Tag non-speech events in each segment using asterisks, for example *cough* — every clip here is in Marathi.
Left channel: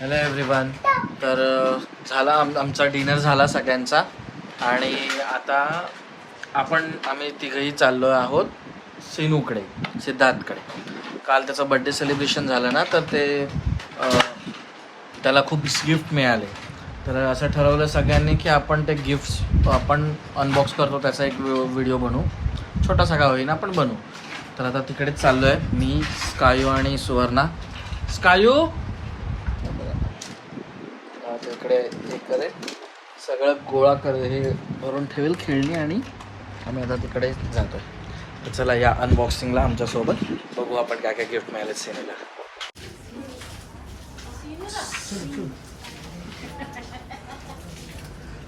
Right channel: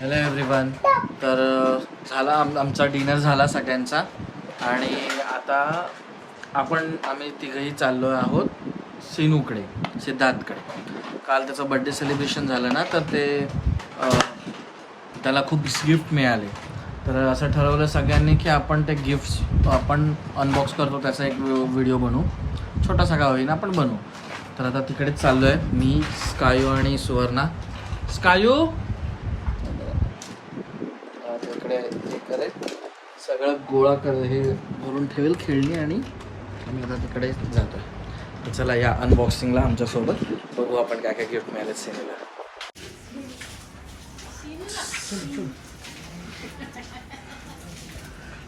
हॅलो एव्हरीवन तर झाला आम आमचा डिनर झाला सगळ्यांचा. आणि आता आपण आम्ही तिघही चाललो आहोत सिनूकडे सिद्धार्थकडे. काल त्याचं बड्डे सेलिब्रेशन झालं ना तर ते त्याला खूप गिफ्ट मिळाले. तर असं ठरवलं सगळ्यांनी की आपण ते गिफ्ट्स आपण अनबॉक्स करतो त्याचा एक व्हिडिओ बनवू. छोटासा का होईना आपण बनवू. तर आता तिकडेच चाललो आहे मी स्कायू आणि सुवर्णा. स्कायू आता इकडे हे करेल सगळं गोळा कर हे भरून ठेवेल खेळणी आणि आम्ही आता तिकडे जातोय. तर चला या अनबॉक्सिंगला आमच्यासोबत बघू आपण काय काय गिफ्ट मिळाले सेनेला.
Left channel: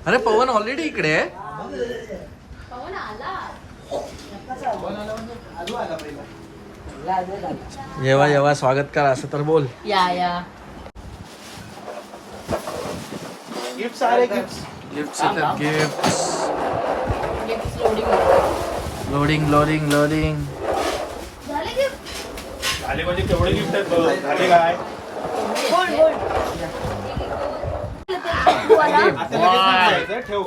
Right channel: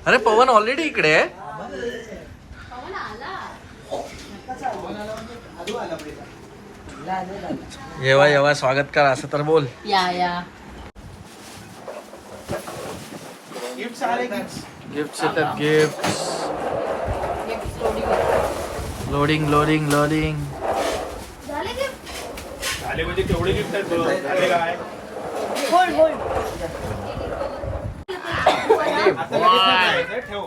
अरे पवन ऑलरेडी इकडे आहे. येवा येवा स्वागत करा असं तर बोल. या या. गिफ्ट्स येतात गिफ्ट लोडिंग लोडिंग लोडिंग आले म्हणजे तेवढे गिफ्ट आहेत बघ. आले काय? होल्ड होल्ड आता लगेच नाही खायचं, ठेव.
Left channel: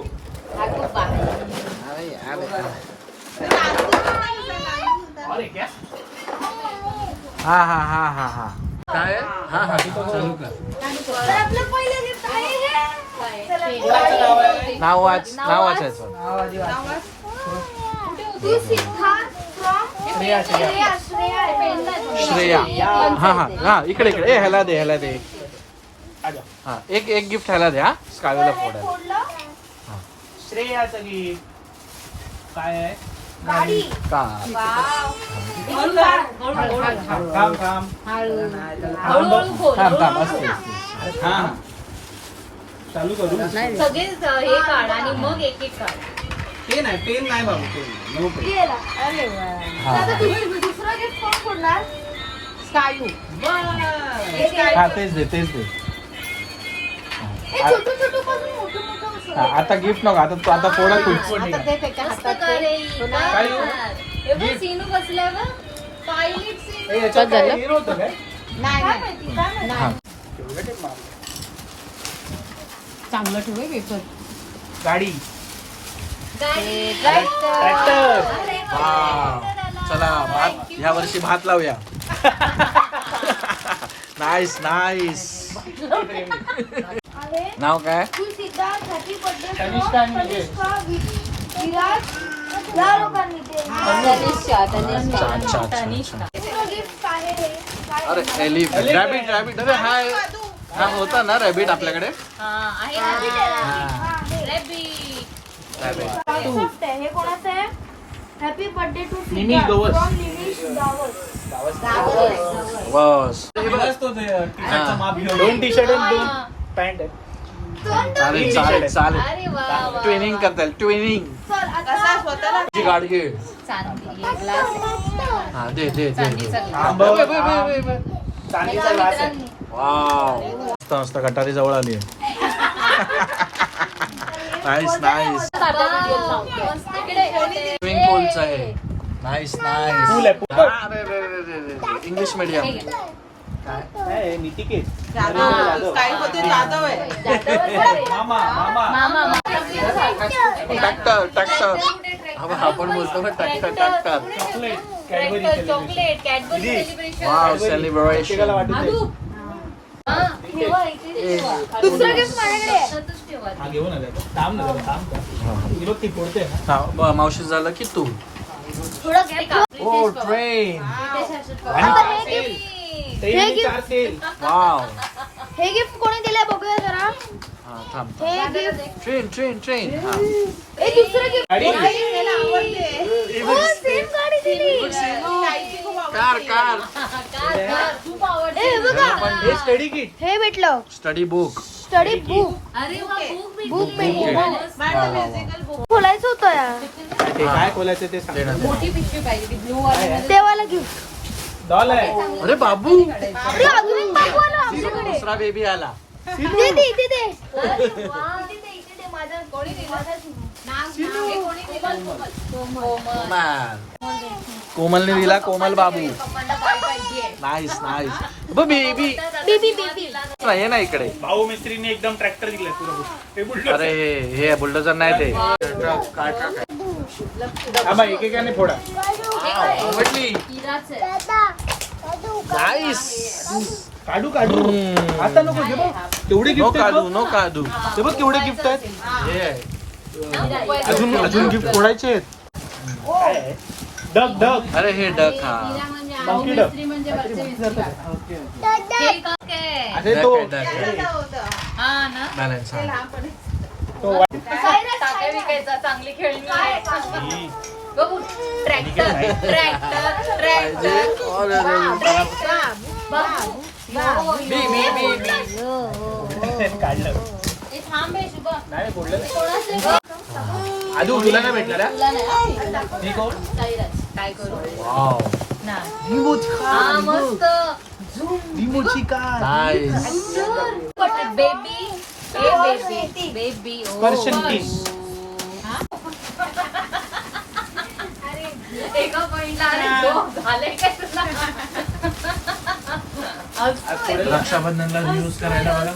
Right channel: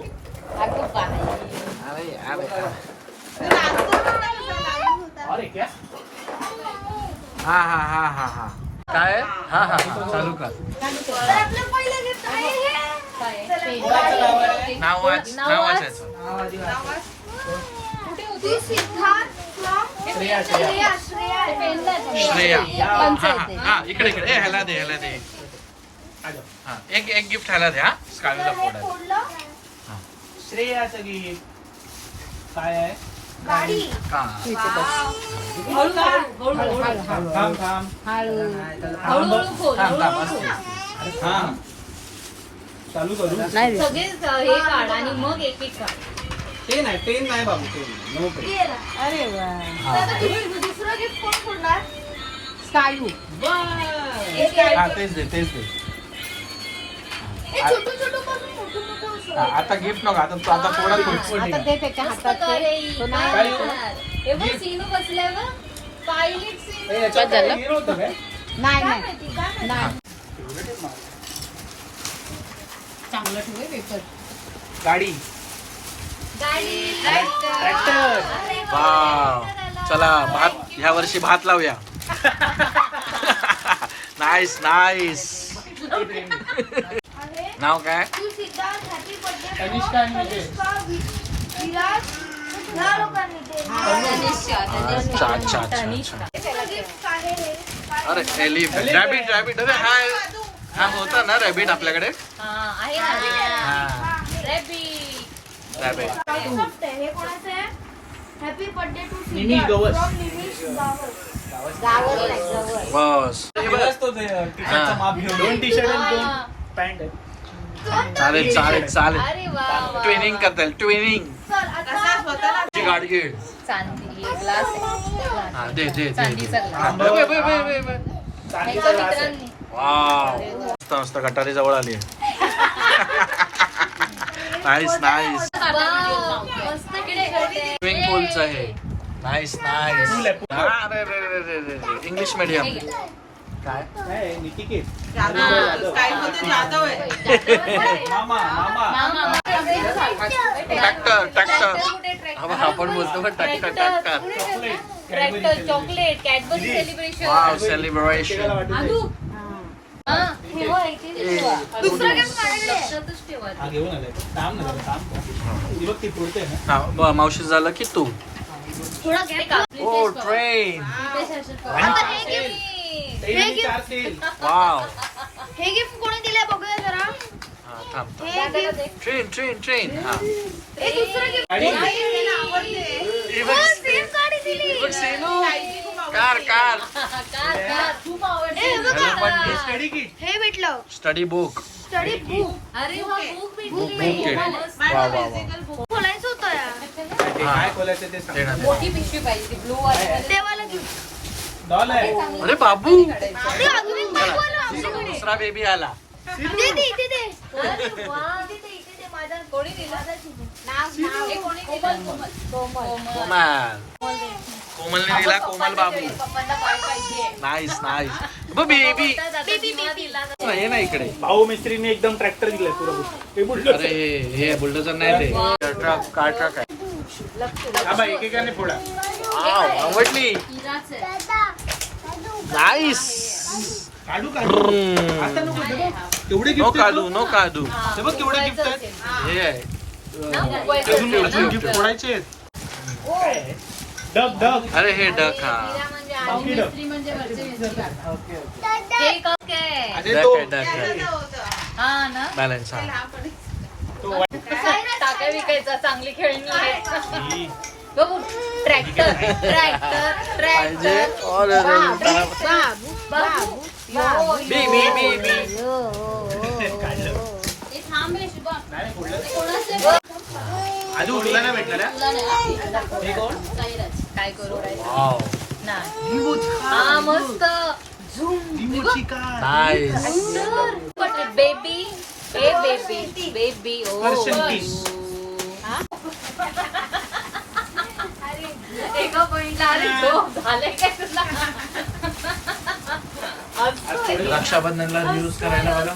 हा हा हा हा हा. काय? आहे? हा हा. चालू कर. नाव वाच नाव वाचायचं. श्रेया हा हा. हा इकडे इकडे. ए ह्याला दे ह्याला दे. हा एक एक गिफ्ट ह्याला दे हा स्कायला फोडायला श्रेया सगळी काय आहे? का? थांब थांब थांब. थांब. हा. चालू करू? सगळेच अ, हे काढ आणि मग एक एक काढ. पेन आहे पेन नाही बाबू पेन. नो. पेन स्कायू हा तेच दे तेच दे. हा, आता गिफ्ट नको आता तू आता फोडा तू. ते फेकायचं हे. बघ सीनू बसल्यावर पायलट सीन. ए, याच्यात काय हिरो होतं काय? नाही नाही. चांगलं ठेवू पेपर गाडी. Tractor tractor. वाव. चला भात ह्या वर्षी भात लावूया. *laughs* नाईस नाईस नाव काय? अच्छा अच्छा अच्छा अरे एलिफंट रॅबिट रॅबिट अरे हा हा होता ना रॅबिट आपल्याकडे? आहे? हा. Rabbit. रॅबिट कोणाचं आहे? Happy birthday to Nimish Gavas. Nimish Gawas. बस दिवस तो ते टी-शर्टचं. माप घेऊन. दोन टी शर्ट आणि दोन पॅन्ट आहेत. चालेल चालेल चालेल. अरे वा, वा. ट्विनिंग करता येईल ट्विनिंग चल आता ची गाडी घे. चांदी glass. हा दे दे दे हा, आहे वाव. मस्त मस्त गटारी जवळ आली नाईस नाईस. स्विमिंग पूलचं आहे. Nice nice. इंग्लिश मीडियम काय? हा, ट्रॅक्टर ट्रॅक्टर आपण बोलतो पण celebration. वाव प्रत्येकाला सेलिब्रेशन मावशी झालं की तू. Oh train wow. हे गिफ्ट कोणी दिलंय बघूया जरा? हा थांब ट्रेन ट्रेन ट्रेन हा. Car car. हे स्टडी किट हे भेटलं. स्टडी बुक स्टडी बुक अरे वा, बुक बुक भेटली. किट. वा वा वा. खोलायचं होतं यार. ते काय खोलायचं ते सांग. ना, दे ना. मोठी पिशवी पाहिजे ती ब्लू? देवाला घेऊ. डॉल आहे. अरे बाबू. ते अजून आमच्याकडे. दुसरा बेबी आला. दे दे दे हा, दे, इथे दे. माझं कोणी दिलं? नाव- नाव हे कोणी दिलं? कोमल. कोमल कोमलने दिला कोमल बाबू. पप्पांना पाहिजे. Nice nice baby baby baby ये ना इकडे. भाऊ मिस्त्रीने एकदम ट्रॅक्टर दिलाय पुरा हे बुलडोझर. अरे हे हे बुलडोजर नाही ते. ट्रक कार ट्रक आहे. एकेकाने फोडा. आवडली. नाईस काढू काढू. हम्म. आता नको घे बघ. केवढे नो गिफ्ट कादू नो कादू हे बघ केवढे गिफ्ट आहेत. हे आहे. अजून अजून गिफ्ट फोडायचे आहेत. काय आहे? डग डग अरे हे डक हा. मिस्त्री म्हणजे वरचे मिस्त्री केक ओके. अरे डक तो आहे डक आहे हा ना? बॅलन्स हा. तो वा- टाका विकायचा चांगली खेळणी आहे. ही. बघू. ट्रॅक्टर ट्रॅक्टर *laughs* पाहिजे. ट्रॅक्टर और त्याला बघू. बी बी बी बी. काढलं. हे थांब हे शुभम. नाही फोडलं ते कोणाचे बघ? आजू तुला नाही हा? तुला नाही हा? साईराज. काय करू? हा मस्त लिंबूची का नाईस बट बेबी ए बेबी बेबी Persian tea. एका पॉइंटला अरे काय तुला. रक्षाबंधनला यूज करायला बघा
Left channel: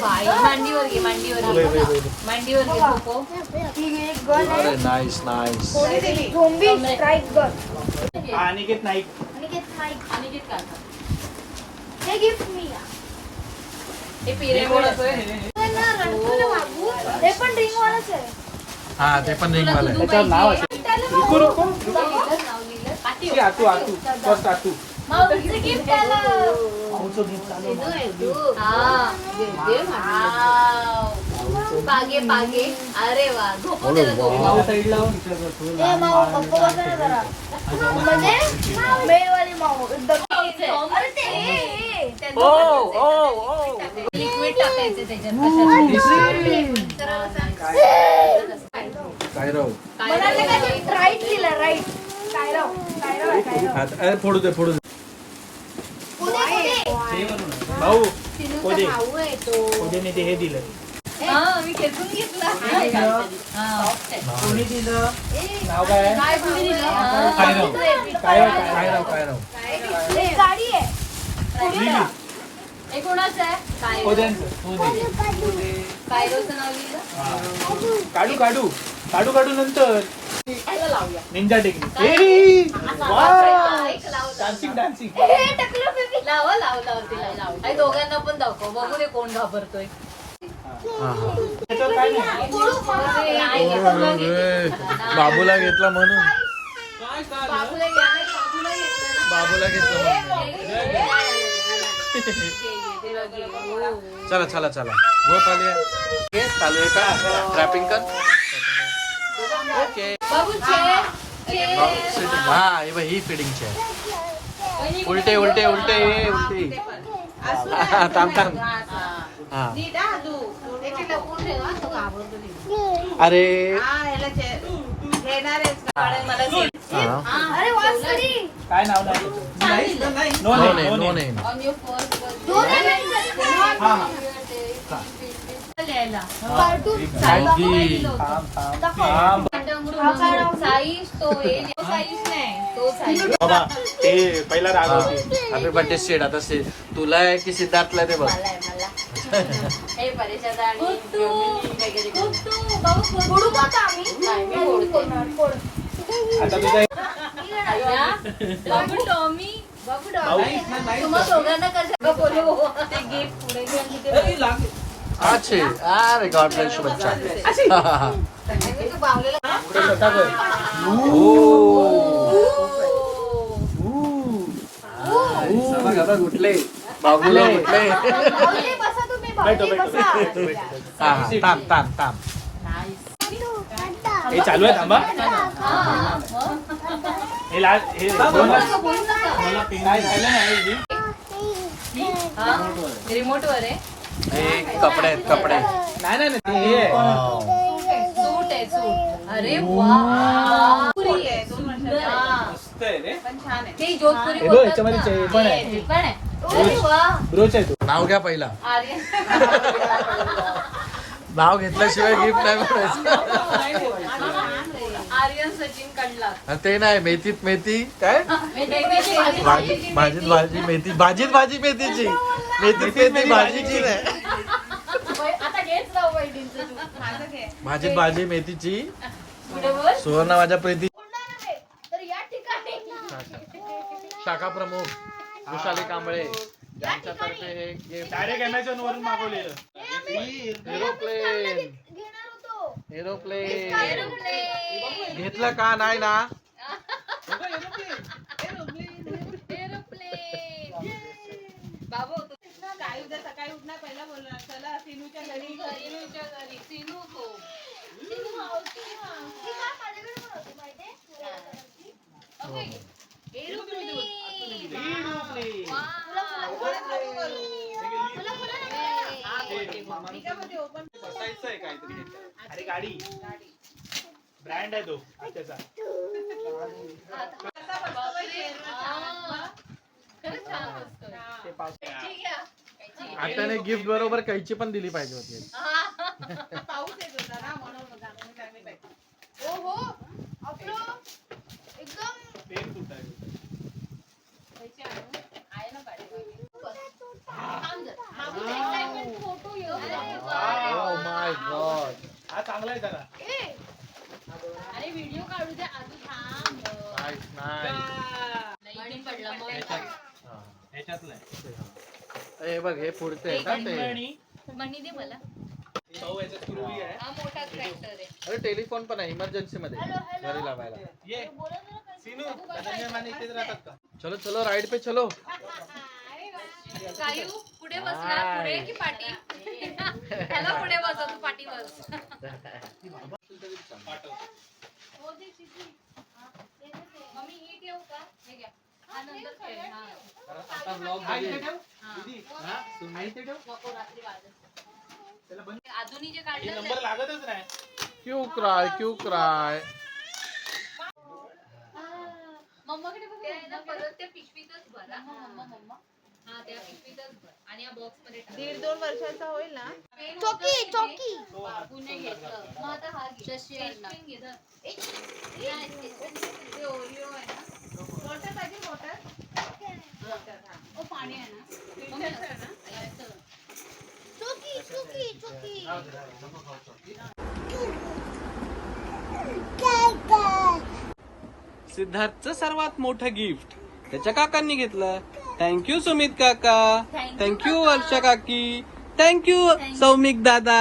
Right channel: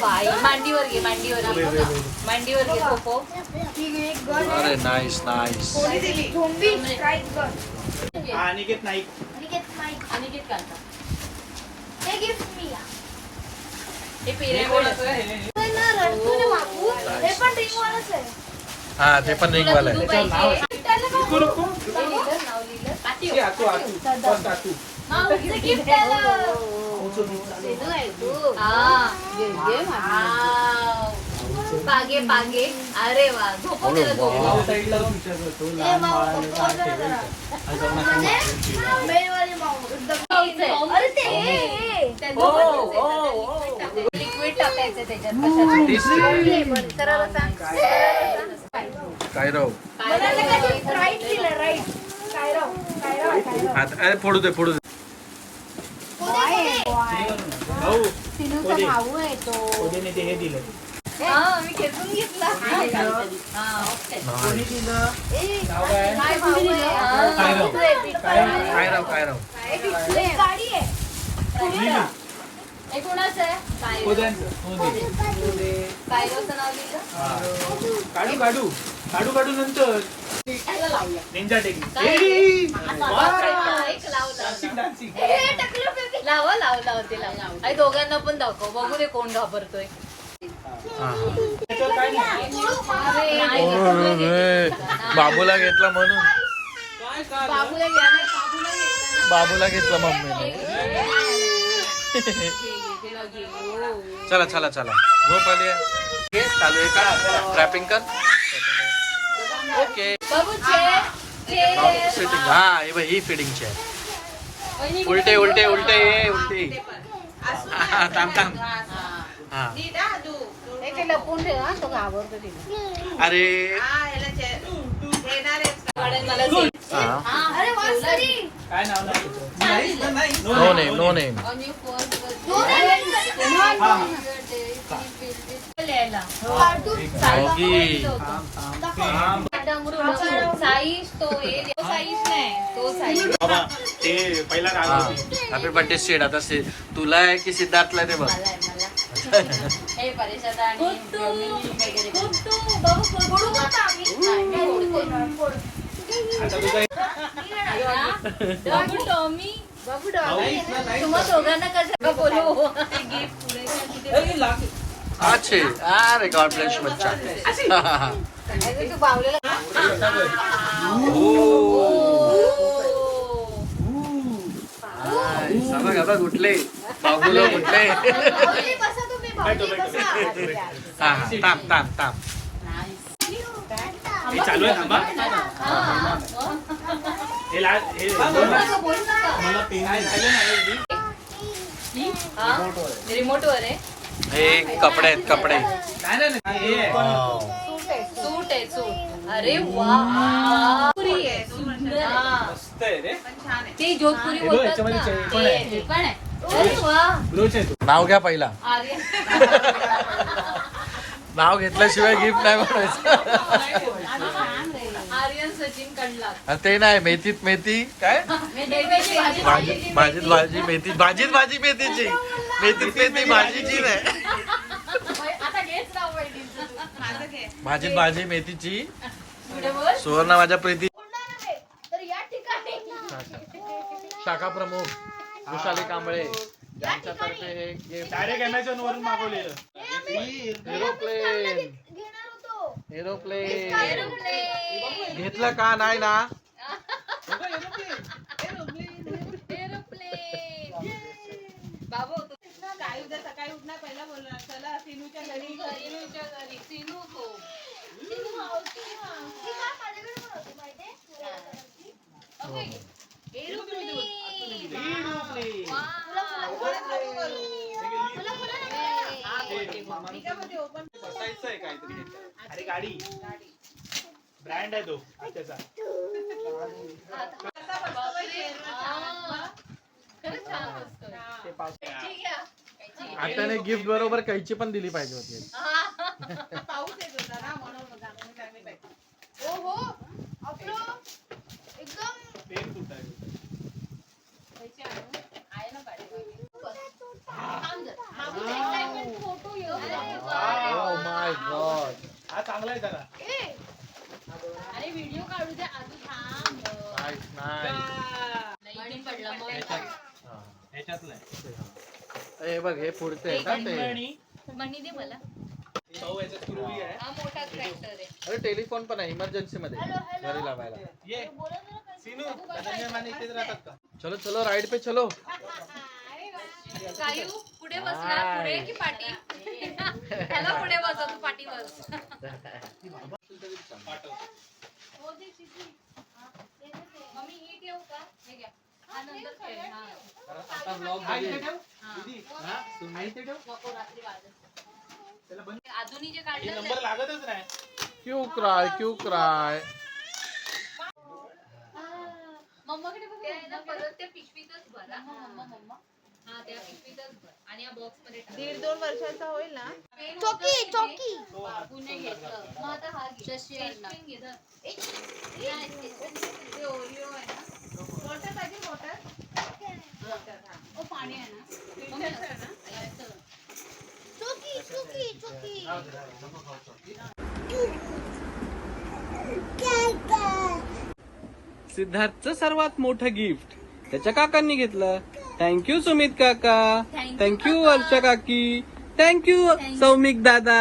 बाई मांडीवर घे मांडीवर घे मांडीवर घे पोपो. अरे नाईस नाईस हा, अनिकेत नाईक काढता हे गिफ्ट मी हे हे पिरियड कोणाचं आहे? हे पण ड्रिंक वालाच आहे. हा ते पण रिंग वाला आहे. त्याच्यावर नाव असेल. रुको रुको रुको. पाठी आतू आतू फर्स्ट आतू. माऊचं गिफ्ट त्याला. भाऊचं गीत चालू आहे. पागे पागे अरे वा. तुम्ही. आहे. लिक्विड टाकायचं त्याच्यात कशात करायला सांग. काय राईट दिलं राईट काय राव काय राव आहे, काय राव अरे फोडू दे फोडू दे हे. भाऊ कोदेने ते हे दिलंय हा, मी खेचून घेतला. हा, okay. कोणी दिलं? नाव काय? आहे? काय कुणी दिलं? काय राव? काय राव? काय राहू काय राहू एक गाडी आहे. लिहिली. हे कोणाचं आहे? काय कोद्यांचं कोदे कायरोचं नाव लिहिलं? हा. काढू काढू. काढू काढू नंतर. निंजा टेक्निक डान्सिंग डान्सिंग हे टकलं बेबी. लावा लाव लाव तिला लाव आणि दोघांना पण दाखव. बघू दे कोण घाबरतोय बाबूला बाबूला घेतला म्हणून. बाबूला घेतला. मम्मी चला चला चला. झोप आली आहे चालू आहे का? ट्रॅपिंग कर. ओके फिटिंग हा हे बघ, ही फिटिंगची आहे उलटे उलटे उलटे उलटी. *laughs* थांब थांब. अरे. काय नाव? No name no name. हा, हा. साईश तो हे तो पहिला राग हा. होते. हॅपी बर्थडे सीड आता से तुला आहे की सिद्धार्थला ते बघ. मला आहे, मला हे परेशान आणि योमिनी वगैरे करून. फोडू का आता आम्ही? नाही, मी फोडते. आता तुझा अय्या, बाबू टॉमी बाबू टॉमी नाहीच ना, नाहीच तुम्हा ना. दोघांना कसं का बोलू? गिफ्ट पुढे दे आणि ते- अरे, लाग. अच्छे. अरे गॉड ब्लेस यू बच्चा. *laughs* तू बावलेला स्वतः बघ आता कुठले बाबूला तुम्ही भाऊजी बसा. हा हा हे चालू आहे थांबा. हे लाल हे मला पिन नाही. रिमोट वर आहे. हे कपडे आहेत कपडे. नाही नाही नाही, आहे. वाव. सूट आहे सूट अरे वा पुरी आहे सुंदर हा. मस्त आहे रे ती जोधपुरी हे बघ, याच्यामध्ये चे- हे पण आहे. हे पण आहे? अरे वा ब्रोच आहे तो. नाव घ्या पहिला. *laughs* नाव घेतल्याशिवाय गिफ्ट नाही म्हणायचं. *laughs* आर्यन इंडियन सचिन कडला अरे ते नाही मेथीत मेथी. काय? *laughs* भाजी. भाजी भाजीत भाजी मेथी. भाजीत भाजी मेथीची. मेथीत मेथी भाजीची नाही. भाजीत भाजी मेथीची. सुवर्णा माझ्या प्रीती होणार आहे. तर या ठिकाणी शाखा प्रमुख विशाली कांबळे यांच्यातर्फे हे गिफ्ट डायरेक्ट अमेझॉन वरून मागवलेलं. एरोप्लेन घेणार होतो एरोप्लेन. घेतलं का नाही ना? एरोप्लेन. बाबू तू काय उद्या सकाळी उठणार पहिला बोलणार चला सिनूच्या घरी सिनूच्या घरी सिनू तो ती काय माझ्याकडे पण होती माहितीये? ओके. एरोप्लेन. वा. फुलं- फुलं नको. हा, बोलते, बोलते. मी काय म्हणते ओपन बसायचं आहे काहीतरी ह्याच्यात. अरे गाडी ब्रँड आहे तो त्याचा. हा. ते. आत्याने गिफ्ट बरोबर कैची पण दिली पाहिजे हा. होता ना म्हणून जाणून काय नाही पाहिजे. ओ हो आपलं एकदम पेन कुठं आहे कैची आणू. आहे ना पाठीमागे. थांब जरा. बाबूचा excitement photo येऊ दे. अरे वा. ओ माय गॉड हा अरे व्हिडिओ काढू दे आधी थांब. पडला मग हे. बघ हे पुढचे आहे का ते? आणि मनी दे मला. भाऊ याच्यात पूर्वी आहे हा मोठा ट्रॅक्टर आहे. अरे टेलिफोन पण आहे इमर्जन्सी मध्ये. घरी लावायला. ये. सिनू धनंजय माने इथेच राहतात का? चलो चलो राईड पे चलो. *laughs* कायू पुढे बसणार पुढे की पाठी त्याला पुढे बसव तू पाठी बस. मम्मी ही ठेवू का? हे घ्या. हा नंतर खेळ. हा. आता vlog इथे बघेल. ठेव. दीदी, इथे ठेव. नको रात्री वाजत त्याला बंद अजूनही जे काढलं नंबर ते- लागतच नाही. क्यू क्राय क्यू क्राय. मम्माकडे बघ. ते आहे ना परत त्या पिशवीतच भर. मम्मा मम्मा. त्या पिशवीतच भर. आणि या बॉक्समध्ये टाक. दीड दोन वर्षाचा होईल ना? चौकी. चौकी. तो. बाबूने घेतलं. मग आता हा घे. पेन घे धर. ए, नाही, ते- ते ओरिओ आहे ना. वॉटर पाहिजे वॉटर? ओ पाणी आहे ना. मम्मी असं ना? याचं. चौकी चौकी चौकी. सिद्धार्थचं सर्वात मोठं गिफ्ट त्याच्या काकांनी घेतलं. थँक्यू सुमित काका थँक्यू वर्षा काकी थँक्यू सौमिक दादा